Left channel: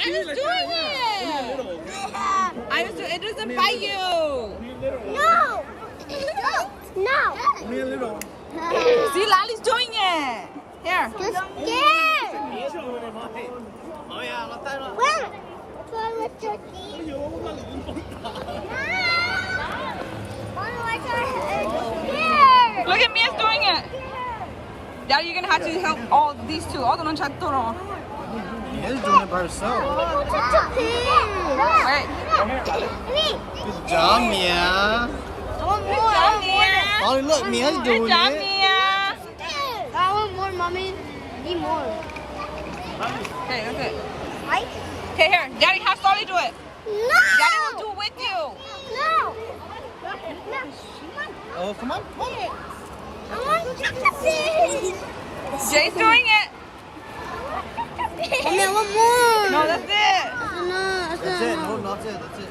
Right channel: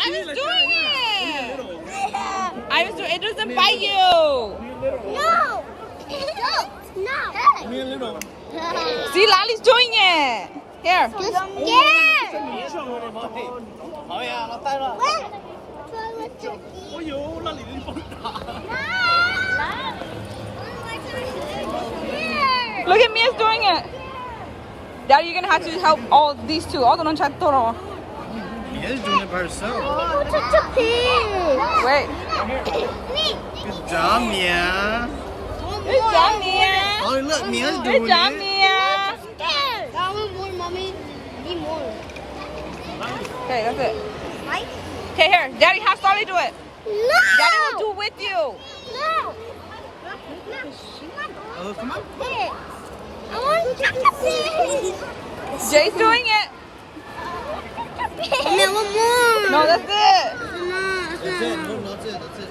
I was doing it. It doesn't bite you. No. No. Me a little. See, Lali's doing it. Here. You're scared. 好呀，我带了。哎呦，那里人疯打。 Look at Mia's doing it. Daddy, you're gonna have to help all these two. All the todo. Mia's doing it by herself. Such a pig. Wait. Good job, Mia. Good job, Mia. Oh, look, Mia's Good doing job, it. Mia. That one more, mommy. Need more. Okay. Right? Okay, here. Daddy, how Sally do it? No. Do it with you. No. Oh, come on. Here. I want to touch a pig. Jay's doing it. Mommy, I want more. No, that's it. No, That's it. No, that's it. That's it.